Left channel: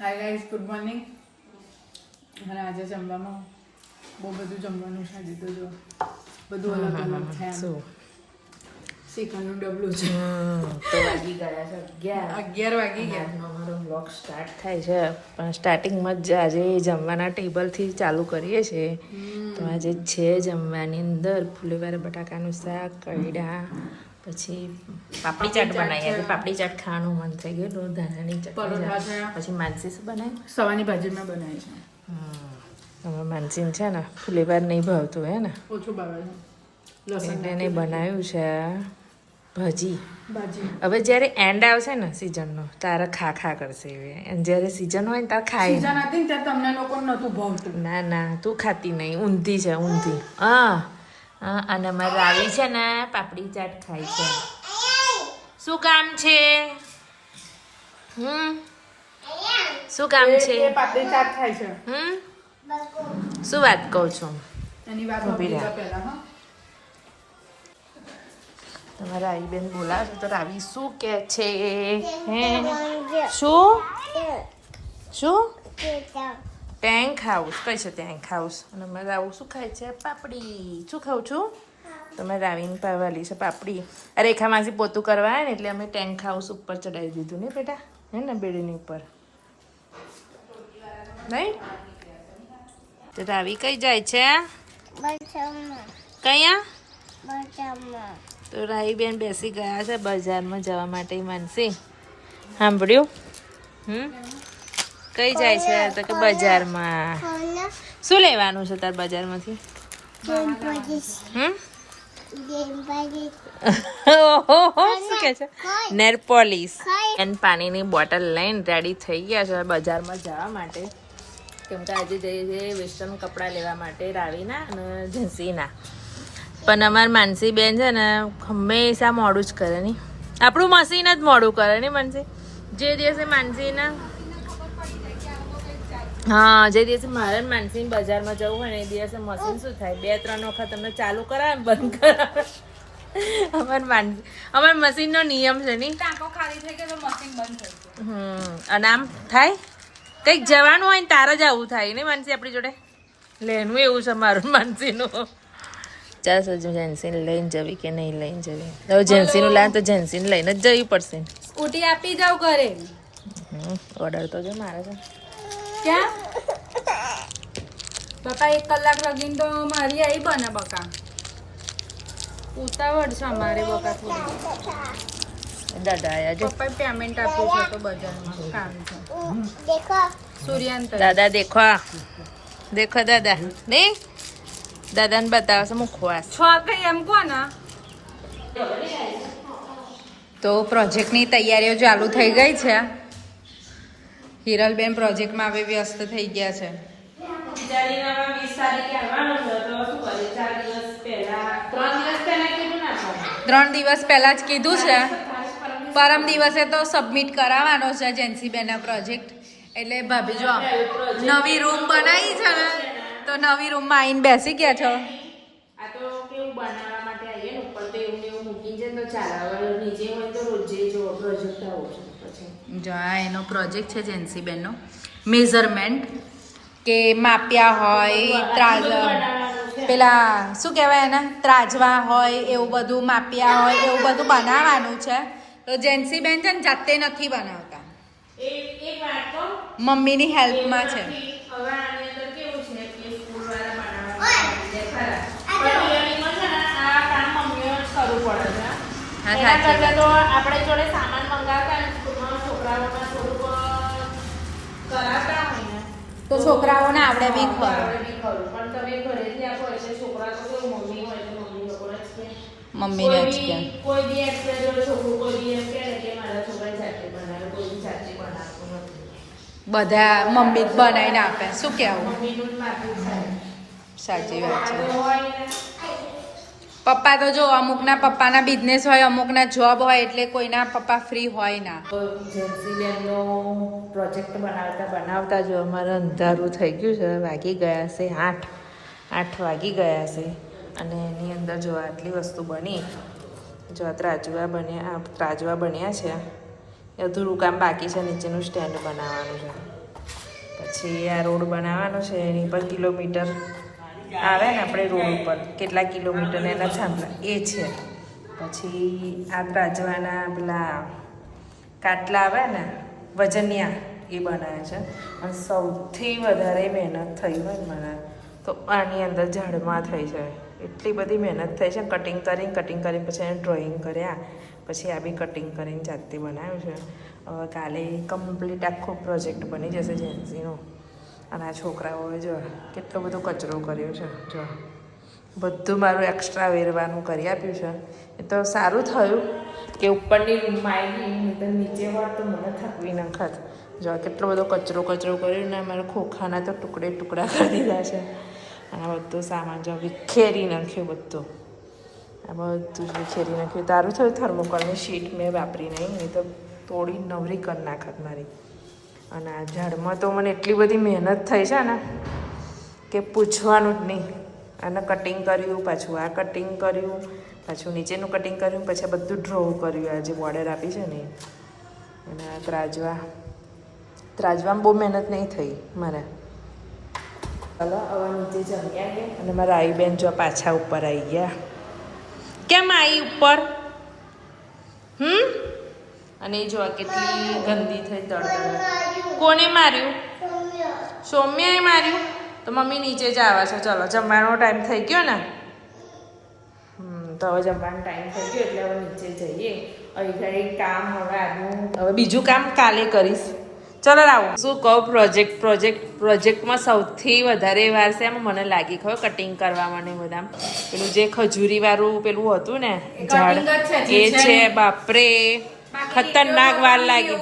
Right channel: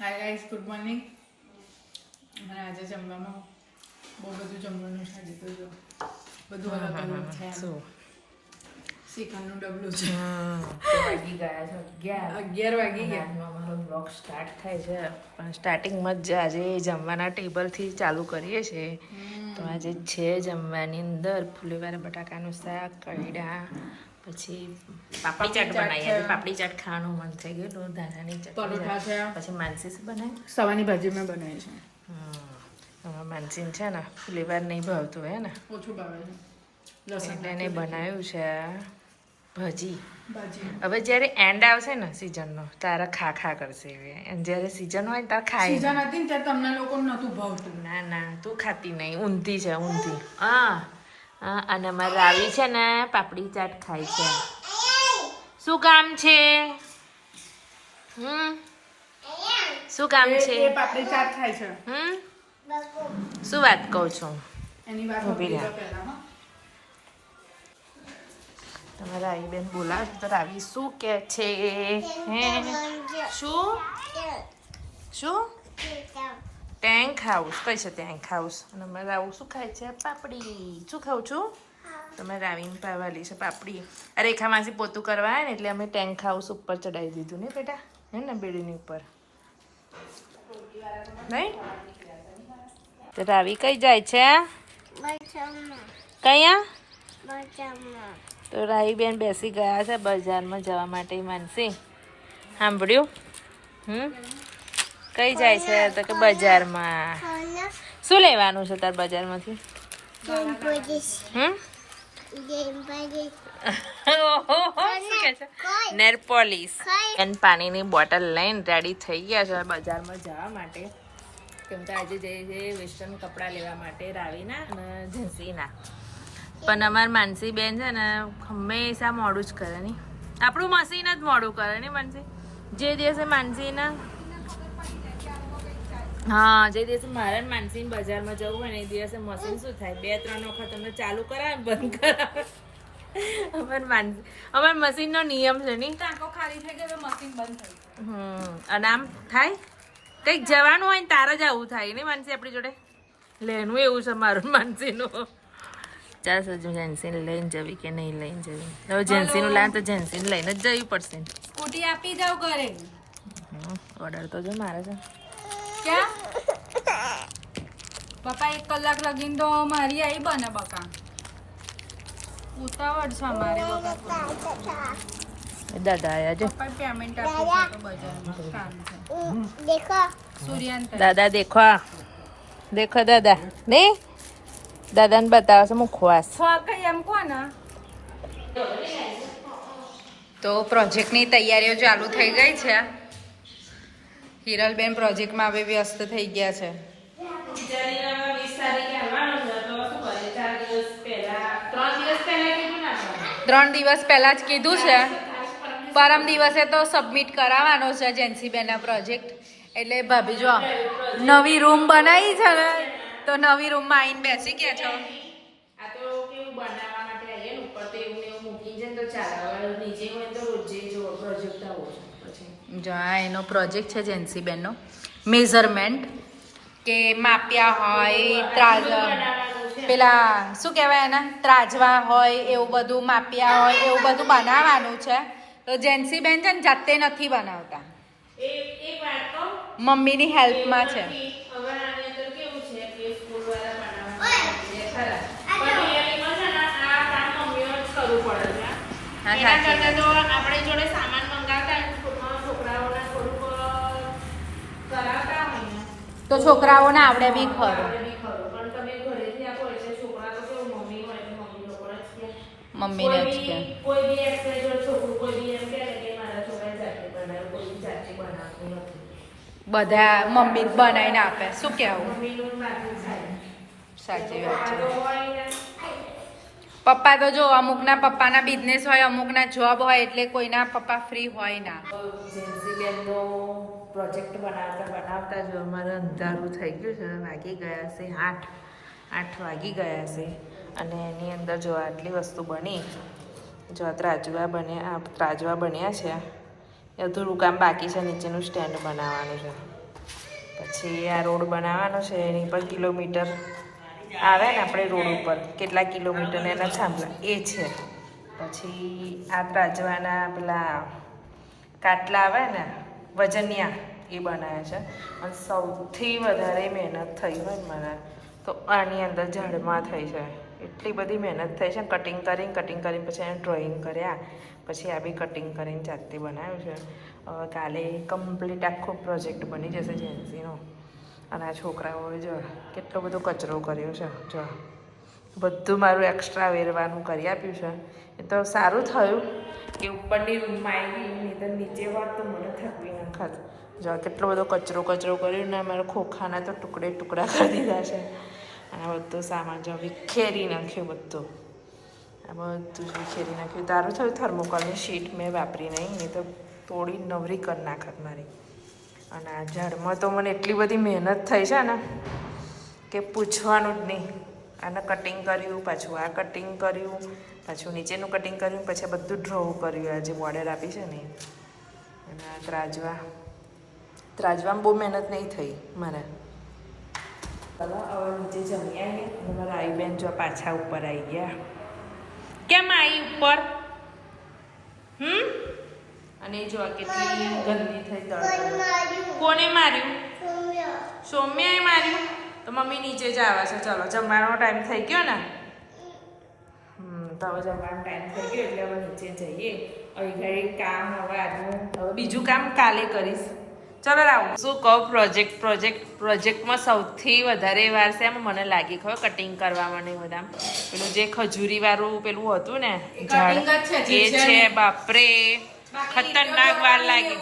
Hi guys, good morning. અને આજે જમવામાં બહુ બધું જમવાનું છે. આજે તો જો બધું અલગ અલગ છે. શીખવાનું ડબલું છે. તો વાગી ગયા છે 11 વાગી ગયા. આજનો અમારો બ્લોગ સ્ટાર્ટ થાય છે, પણ સ્ટાર્ટિંગમાં જ આજે જમવાના ટેબલથી ચાલુ કરીએ છીએ. તો આજે છે જમવાની અંદર ફુલીવાર બટાકાનું શાક, કઈડા, પછી પાપડી ચાટ બનાવી. આજે પાપડી ચાટ ખાવાનું મન થઈ ગયું. ધાણાની પરોઠા ચટણી, છે. પછી માનસી શું બનાવી? સવાની ભાજી મેં બનાવી છે. હવે માનસીને છે ને ફુલીવાર નહીં ભાવતું હે ને, ઓછું ભાવે છે. એટલે એને બનાવ્યું છે ભાજી. ભાજી હવે જ્યારે એન્ડ આવશે ને સિઝનનો, તારે ખા કરશે એવી. અને જ્યારે સિઝન હોય ને તારે ખાય. સીઝન હતી ને ત્યારે તમને લોકો નહોતું ભાવતું. ના તું ખાતી નહીં. ઊંધી છે ઊંધી. હા અને અમારે રાવી છે ને પાપડી ચાટ ખાય છે. શું કામ છે? શું કામ છે? એ પાપડી ચાટ ખાય છે. શું વાત કહું છું? એની વાત ઊભી રહે. પહેલા હા. તમારે રાવીબેન બોલાવશે તો રાવી શું કે છે? હે શું ટેન્ક હાઉસ કઈ છે? Tank house. અને અમારે રાવું શું ખાય છે? પાપડી. શું ખાઉં છું? તમે રાવીને પાવાલી છે પાપડી. રેખા માસી પોતું કરવા આવે ને એટલે અમે ટેન્ક હાઉસ ઉપર ચડાવી દીધું ને બેટા, હે ને બેડીની ઉપર નહીં. તો રાવી કઈ જાય છે? કયા? તો રાવીબેન બેસી ગયા છે બજારમાં જવા માટે. માનસી સાંભળ્યું? કઈ જાય છે? તો કે બજારમાં. શું લેવાનું છે તાર બજારમાંથી? શું કે છે? નેર પોલિશ એન્ડ પાણીની બોટલ લઈને રેડી થઈ ગયા છે બજારમાં જવા માટે. કેમ કે આજે જઈએ છીએ વેસ્ટર્ન કપડાં લેવા માટે રાવીના અને જીન્સીના. પણ અમાર માનસી બેન છે ને હંમેશા મોડું જ કરે નહીં. આપણું મશીન જ મોડું કરે નહીં માનસી. જે દિવસે માનસીના જે દિવસે મારે માનસીને બજારમાં જવું હોય ને એ દિવસે મશીન શું થાય, 2-3 વખત તમને ચાલુ કરાવે બંધ કરાવે. અમાર મશીનનો નિયમ છે નહીં. ટાંકો ખાલી થઈ ગયો તો મશીન બંધ થઈ ગયું. અને આમ થાય કંઈક જવાનું હોય ને તારે જ આવું થાય નહીં માનસી આપણી જોડે. લેનું એવું છે મારું માનસીનું. ચાલ સજુ જેન્સીને લઈને જવી કે નહીં લઈને જવી? હવે જેન્સીનું લાવે તો જેન્સીને લઈને જ જવી પડશે. સ્કૂટી આપી જાવ ઘરે. ઓર્ડર તો જો મારે છે. ક્યાં બકા 1 કલાક લગીને તો મારી આવી બને બકા. ઉતાવળ છે અમારે બકા થોડી. દાદા આયા જો. પપ્પાએ પેમેન્ટ આપ્યું છે તો બજારમાં કામ છે. સૂર્યાંત દાદા દેખો દાદા નહીં. દાદાને બતાવે છે મુખવાસ. કઈ એમ કોને. તો પ્રોજેક્ટની તૈયારીઓ ચાલુ થઈ ગઈ છે. હિરલબેન પ્રોજેક્ટમાં હવે વ્યસ્ત થઈ ગયા છે. 3 દિવસ પહેલા જ કીધું છે. પરમ દિવસે તો સબમિટ કરાવવાનો છે જેન્સીબેનના પ્રોજેક્ટ. એટલે ભાભી જો નવી રૂમ બનાવી છે ને, તો નવી રૂમમાં આવીને બેસી ગયા છો. આ તો કેવું બનાવવા માટે આવીએ ને ઉપર તો એવું મૂકી છે તો ચાલે. નીચે હોય તો રોજે જો પ્રોજેક્ટ આવો પછી જો આ એનો પ્રોજેક્ટ છે જેન્સીબેનનો. મેઝરમેન્ટ કે માપ્યા હોય, પેલા શું કહેવાય એના ત્રાજવા હોય એવું બધું માપ્યા હોય એવું બધું બનાવવાનું છે. તો જેન્સીબેન છે ને જાતે નથી બનાવતા, એક વાત તો મમ્મીની હેલ્પમાં છે. હવે આની અંદર કેવું છે કે સ્કૂલ વાળા બનાવવાનું ખરા પણ આ કામ મમ્મીઓ જ કરવું પડે છે. હા, એના સાચી કરતાં તો આપણે જોડે સામાન મંગાવતા હોય સ્કૂલમાં છોકરાઓના થોડુંક કરાવતા હોય ને તો છોકરાઓને આવડે બી ખરું. પણ તમે ઘરેથી આપો એટલે છોકરા તો કેવું મમ્મી હોય એટલે મમ્મી લોકોને જ કે મમ્મીને જ કે કોઈ બી એક્સરે જોડે છોકરું કોઈ બી એમ કહે કે મારા છોકરાને જાતે બનાવે, કોઈ બી જાતે બનાવતું નથી. બધા મમ્મી જ બનાવીને આપે. શું કહેવું? મમ્મીનું જ માથું થાય. સાચી વાત છે. તો હોય ને પપ્પા તો જો અમુકના પપ્પાના બિઝનેસ હોય, અમુકના જોબ હોય, એટલે કોઈના પપ્પા ફ્રી હોય ના. જેન્સીબેનનો પ્રોજેક્ટ બનાવતા જો અમારે અંધારું થઈ ગયું છે. વાગી ગયા છે 8 વાગી ગયા છે. અને એની અંદર જો આટલી વસ્તુ બની. જો ત્રાજવા બન્યા છે. અધૂરું કામ બાકી છે. નીચેનું સ્ટેન્ડ બનાવવાનું છે. પછી આ રોડ બનાવવાનો છે એની પર કિલોમીટર આવે ને આપણે રોડ ઉપર કેટલા કિલોમીટર એના થાંભલા એ છે. પછી આ ત્રાજવાના પેલા કાટલા આવે ને વજનિયા એ બનાવ્યા છે. અને સૌથી વધારે મહેનત થઈ હોય ને મને તો આની અંદર ઝાડમાં થઈ છે. એટલી બધી મહેનત થઈ છે. કટિંગ કરીને પછી એને ડ્રોઈંગ કર્યા, પછી આ બી કટિંગ કરીને જાતે બનાવ્યું છે. હવે કાલે કમ્પ્લીટ આખો પ્રોજેક્ટ બની જશે જેન્સીનો. અને આ છોકરાઓએ જો કેટલો બધો કચરો કર્યો છે. જો બધું મારું એક્સ્ટ્રા વેરવાનું કરી આપ્યું છે. એ તો સારું થયું કે ઉપરની રૂમમાં આવી નહીં તો નીચે હોત તો મને થકવી નાખત. જો કેટલો બધો કચરો કર્યો ને મારા ખોખાના તો ટુકડા કરી દીધા છે. અને આ બધું સામાન જો વિખેરી નાખ્યું બધું. આ બધું જ વિખેરી નાખ્યું. તારું થયું થર્મોકોલની શીટ મેં વાપરી નહીં તો તોડી નવરી કરી નાખત મારી. અને આ ઝાડમાં તો મને એટલી બધી મહેનત થઈ છે ને કે પૂછવાનું જ નહીં. આને કટિંગ કર્યું, પાછું આ કટિંગ કર્યું, પાછું નીચેનું કટિંગ કર્યું, પછી બધું ડ્રો કર્યું. આ જે બોર્ડર આપી છે ને અને આ ત્રાજવામાં બહુ મહેનત નહીં થઈ મારે. ચાલો હવે નીચે જમી આવીએ. અને મારા આઈ બેન જો પાછા ઉપર આવી ગયા. કેમ આવી ઉપર? અને એ જોવા કેટલી ગંદી થઈ તળતળ. કોને માર્યું? સૌમ્યાએ માર્યું. તો મમ્મી નીચે જ આવે છે. ચલો જમવાનો ટાઈમ થઈ ગયો ને. તો હવે જમવાનો ટાઈમ થઈ ગયો એટલે હવે નીચે જઈએ. હવે ઘરે કામ હવે આજનું હવે બીજું કામ કાલે કરીશ. ચલો આવું શું કહું પ્રોજેક્ટમાં સૌથી વધારે વાર છે એમ મને લાગી ખબર કટિંગ કરવામાં ને બધા. પેલું જે ખજૂરી વાળું પેલું હતું ને ઝાડ એ છે. બાપરે ખતરનાક વાર લાગી.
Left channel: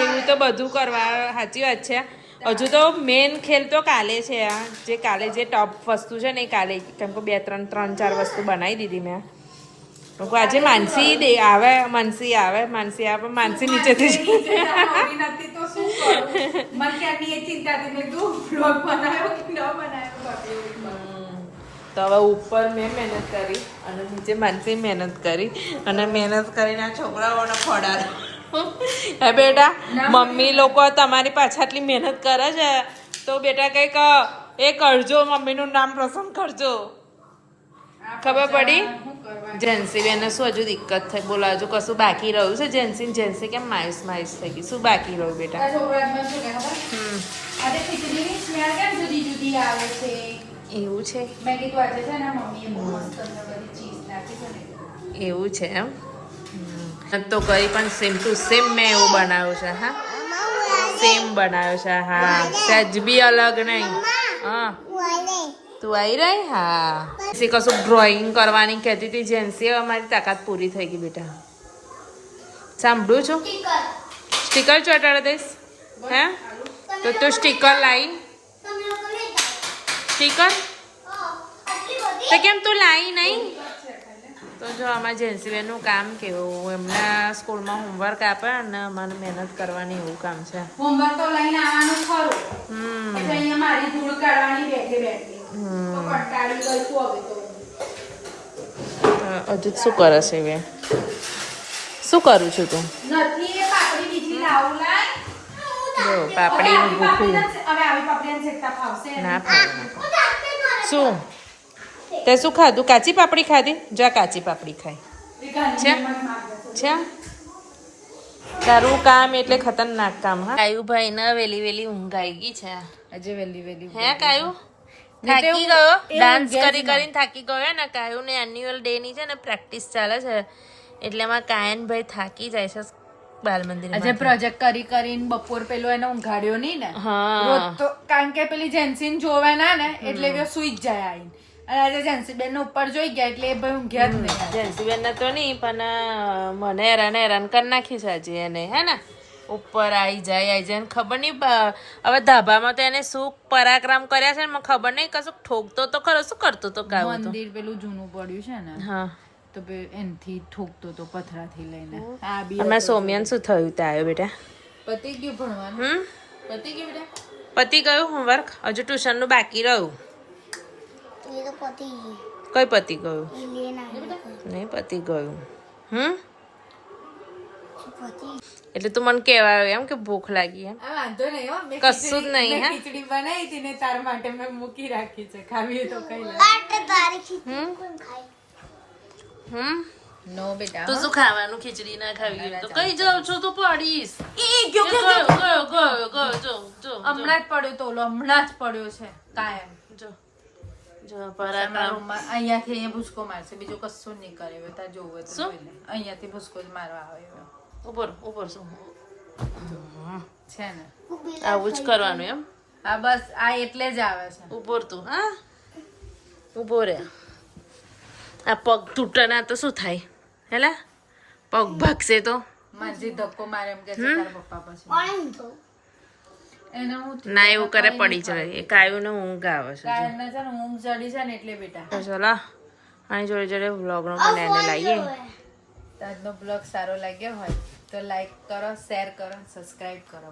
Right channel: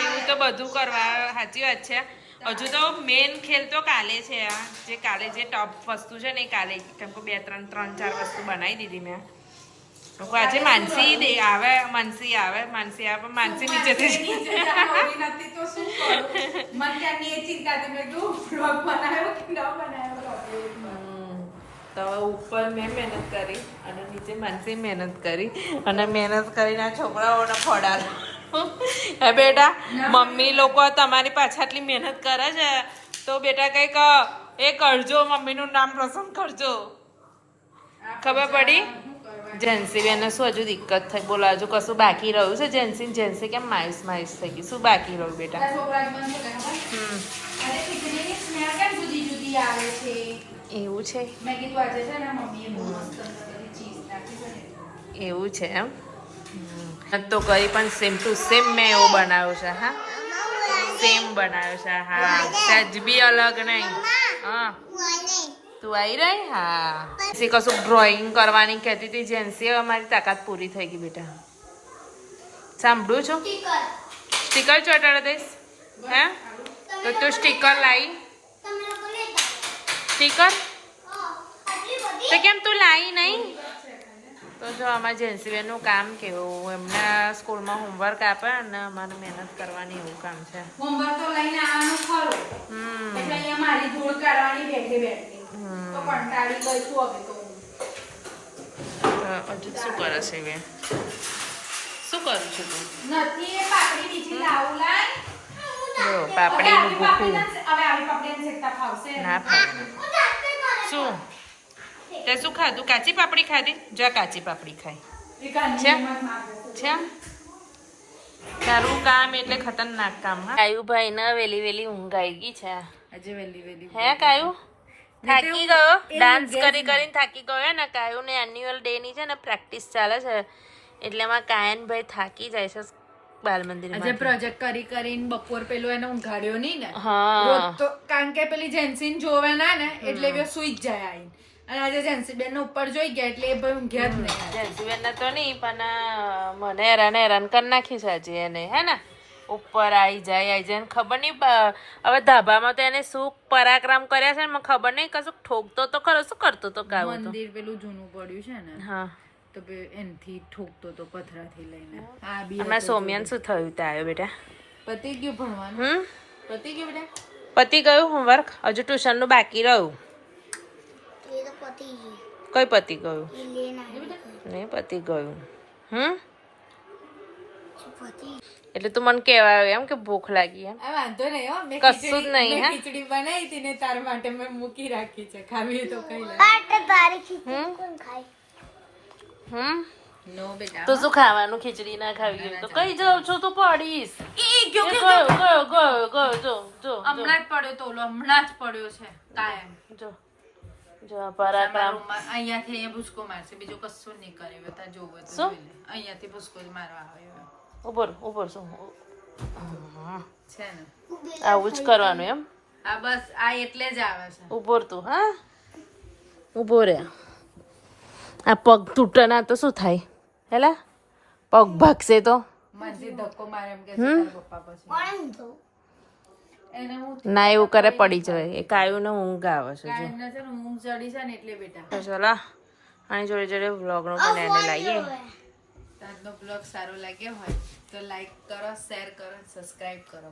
એવું તો બધું કરવા સાચી વાત છે. હજુ તો મેન ખેલ તો કાલે છે. આ જે કાલે જે ટોપ વસ્તુ છે ને એ કાલે કેમ કે 3-4 વસ્તુ બનાવી દીધી મેં. આજે માનસી આવે માનસી નીચેથી તો હવે ઉપર મેં મહેનત કરી અને નીચે માનસી મહેનત કરી અને મહેનત કરીને આ છોકરાઓને ખોડાડો. હે બેટા મમ્મી લોકો તમારી પાછળ આટલી મહેનત કરે છે તો બેટા કંઈક એ કરજો, મમ્મીનું નામ રોશન કરજો. ખબર પડી? જેન્સી બેને શું હજુ દિક્કત થઈ? બોલો હજુ કશું બાકી રહ્યું છે? જેન્સી કેમ માયુસ થઈ ગઈ? શું બાકી રહ્યું બેટા? એવું છે? એવું છે એમ તો કરી પણ સેમ ટુ સેમ મેં એવો બનાવ્યો છે. હા સેમ બનાવ્યો છે. હા સહેજ બી અલગ નહીં. હા તું આવી રહી? હા કશું ડ્રોઈંગ કરવાની કહેતી હતી જેન્સી. હવે મારી તાકાત પૂરી થઈ ગઈ બેટા. સાંભળું છું સ્ટીકર ચોટાડી દઈશ. હે તો તું સ્ટીકર લાવી? સ્ટીકર તો કેમ તું લાવી નહીં? તો જો અમારા જેન્સીબેનનું કામ કેવું, એમના સ્કૂલમાં હોમવર્ક આપે અને અમારે મહેનત કરવાની એવું કામ છે. હોમવર્ક તો લઈને આવવાનું ખરું. પછી અહીંયા મારી ધૂળ કાઢવાની બેઠી. હજુ શું કરે છે? હવે શું કરું છું તું? જો પાપડીનું ભૂખું ના ફાવે. શું તે શું ખાધું? કાચી પાપડી ખાધી? જા કાચી પાપડી ખાઈ છે. તારું કામ એટલે ખતરનાક કામ. હા કાયુભાઈ ને વેલી ઊંઘ આવી ગઈ છે આજે. વેલી હે કાયુ થાકી ગયો? ડાન્સ કરીને થાકી ગયો ને કાયુ ને. એન્યુઅલ ડે ની છે ને પ્રેક્ટિસ ચાલે છે એટલે એમાં કાયનભાઈ થાકી જાય છે બાલ મંદિર. આજે પ્રોજેક્ટ કરીને બપોર પેલો એને ઊંઘાડ્યો નહીં ને. હા કારણ કે પેલી જેન્સીન જોવાના ને એટલે સુઈ જ જાય આવીને. અને આજે જેન્સીબેન ઉપર જોઈ ગયા એટલે એ ભાઈ ઊંઘ્યા જ નહીં. જેન્સીબેન ને તો નહીં પણ મને હેરાન કરી નાખી છે આજે એને. હે ને ઉપર આવી જાય ને ખબર નહીં હવે ધાબામાં તો એને શું પરાક્રમ કર્યા છે ને મને ખબર નહીં. કશું ઠોકતો તો ખરો. શું કરતો તો? કાવું મંદિર પેલું જૂનું પડ્યું છે ને. હા તો એનથી ઠોકતો તો પથરાથી લઈને. આ બી અને સૌમ્યાને શું થયું? તે આવ્યો બેટા? પતી ગયું ભણવાનું. પતી ગયું બેટા? પતી ગયું હોમવર્ક? હજુ ટ્યુશનનું બાકી રહ્યું. કઈ પતી ગયું? નહીં પતી ગયું. એટલે તું મને કહેવાય એમ કે ભૂખ લાગી એમ વાંધો નહીં હો મેં કશું જ નહીં હે ખીચડી બનાવી હતી ને તાર માટે મેં મૂકી રાખી છે ખાવી તો ખાઈ લે નો બેટા તું શું ખાવાનું ખીચડી ના ખાવી હોય તો કઈ જાઉં છું તું પડીશ ગયો જો હમણાં જ પડ્યો તો ઓલો હમણાં જ પડ્યો છે કાયમ જો જો પરાઠા અહીંયાથી અહીંયા ભૂસકો મારશે બીજું કશું નહીં કરે હવે તાર જોવું હોય તો શું? જોઈ લે. અહીંયાથી ભૂસકો જ મારવા આવે હવે. ઉપર શું છે ને આવું જ કરવાનું એમ આ બસ આ એટલે જ આવે છે ઉપર તું હા ઉભો રે આ પગ તૂટે ના તો શું થાય હેલા પગ ભાગશે તો માજી ધક્કો મારે એમ કે છે તારા પપ્પા પછી એને હું ના એવું કરે પડી જાય એ કાયું ને ઊંઘ આવે છે જો કાયમના છે ને ઊંઘ ચડી છે ને એટલે બેટા તો ચલો આની જોડે જોડે વ્લોગનો પણ એને લાવીએ આજનો બ્લોગ સારો લાગ્યો હોય તો લાઈક કરો શેર કરો સબસ્ક્રાઇબ કરો